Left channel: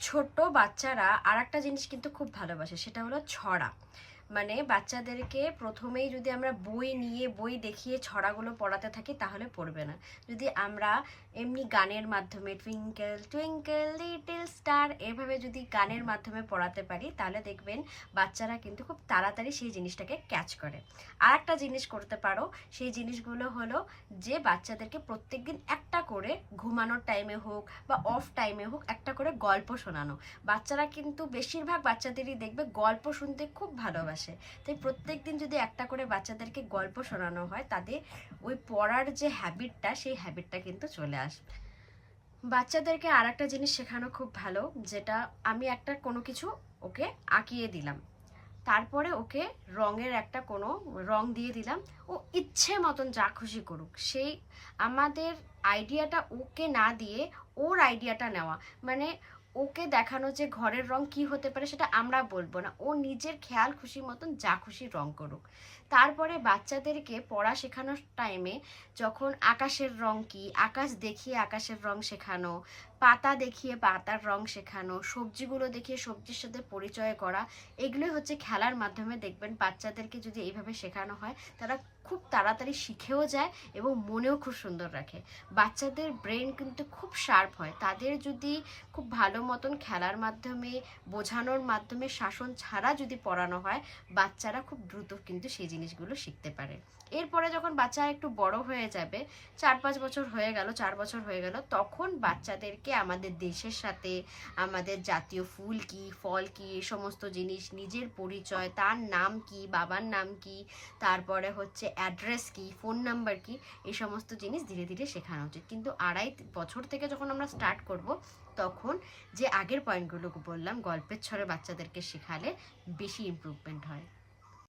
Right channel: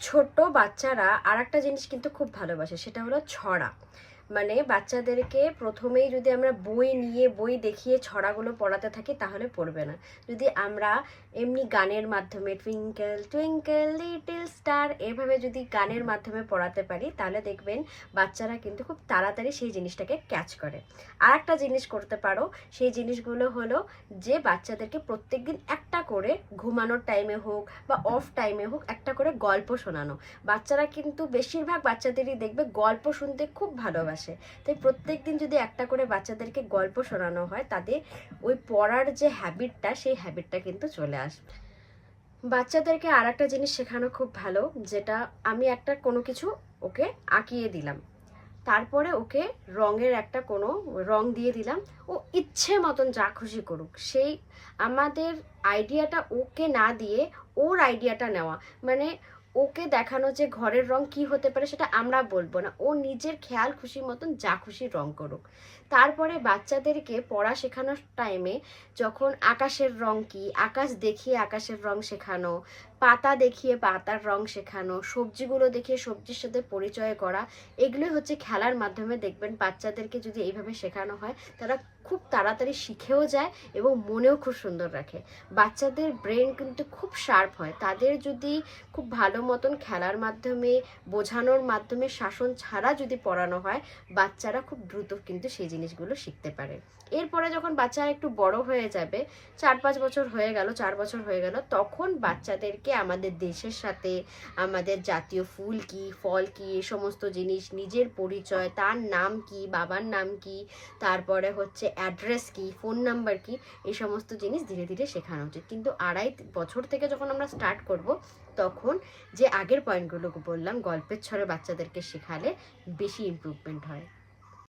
ছোট বাচ্চারা আরেকটা জিনিস কিন্তু খুব ভালোবাসে, সেটা হলো ছড়া। মানে বাচ্চাদেরকে প্রথমেই যদি আমরা বই দেখিয়ে ছড়াগুলো পড়াতে থাকি তাহলে পড়বে না। যদি আমরা এমনি গানের মাধ্যমে টুইঙ্কেল টুইঙ্কেল লিটল স্টার এভাবে যদি গানের মাধ্যমে পড়াতে পারি তাহলে দেখবেন বাচ্চারা কিন্তু খুব তাড়াতাড়ি সেই জিনিসটাকে ক্যাচ করে। আর একটা জিনিস করতে পারো, সেই জিনিসগুলো হলো যে বাচ্চাদেরকে প্রত্যেকদিন একটা করে ঘুমানোর টাইমে হোক বা অফ টাইমে হোক একটা করে গল্প শোনানো। বাচ্চারা কিন্তু বেশিরভাগ বাচ্চাদেরই দেখবে গল্প শুনতে খুব ভালোবাসে। তাই প্রত্যেকদিন যদি একটা করে বাচ্চাদেরকে গল্প শোনানো হয় তাদের ওই পড়ার যে হ্যাবিটটা সেই হ্যাবিটটা কিন্তু চলে আসবে। বাচ্চাদেরকে আর একটা জিনিস শেখানো খুব ভালো, যেটা আমি একটা কোনো কিছু ওকে আঁকিয়ে দিলাম, তারপরে ওকে রঙের একটা কোনো রং দিয়ে দিলাম, ও ইচ্ছে মতন যা খুশি করুক। সেই আমাদের আইডিয়াটা ওকে না দিয়ে ওর আইডিয়াটা নেওয়া, মানে ওকে দেখানো যে ঘরের রং কি হতে পারে সেটা আমরা বলবো না, ও নিজের খেয়াল খুশি মতন যা খুশি রং করুক। তারপরে বাচ্চাদেরকে পড়া শেখানোর টাইমে যখন আকাশের রং কি, আকাশ দেখিয়ে আকাশের রং শেখানো, পাতা দেখিয়ে পাতার রং শেখানো, সবজিগুলো দেখিয়ে সবজির সাথে পরিচয় করা, এগুলোই হচ্ছে খেলার মাধ্যমে দেখবেন বাচ্চাদেরকে যদি এইভাবে শেখানো হয় তারা খুব তাড়াতাড়ি শিখেও যায় এবং মনেও খুব সুন্দর রাখে। বাচ্চাদের ব্রেন কিন্তু খুব শার্প হয়, তাদের যদি খুব ভালো মতন খেলার মাধ্যমে বোঝানোর মাধ্যমে শাসন ছাড়া যদি পড়ানো হয় বাচ্চারা খুব দ্রুত কিন্তু সেই জিনিসগুলো শিখতে পারে। এরপরে যখন বাচ্চা একটু বড় হয়ে যাবে, 4-5 বছর হয়ে গেল, 4 বছর হয়ে গেল, তখন বাচ্চাদেরকে আমাদের দেশের সাথে আমাদের জাতীয় ফুল কি ফল কি এই সমস্ত জিনিস, নিজের পরিচয়, তার নাম কি, বাবার নাম কি, তারপরে হচ্ছে অ্যাড্রেস কি, ফোন নাম্বার কি, এই সমস্ত জিনিস ধীরে ধীরে শেখানো উচিত। কিন্তু 2.5 বছর থেকে যখন আমরা স্টার্ট করব তখন যে আগের পয়েন্টগুলো বললাম গল্পের ছড়ে বাচ্চাদেরকে শেখালে বেশি ইমপ্রুভমেন্ট হয়।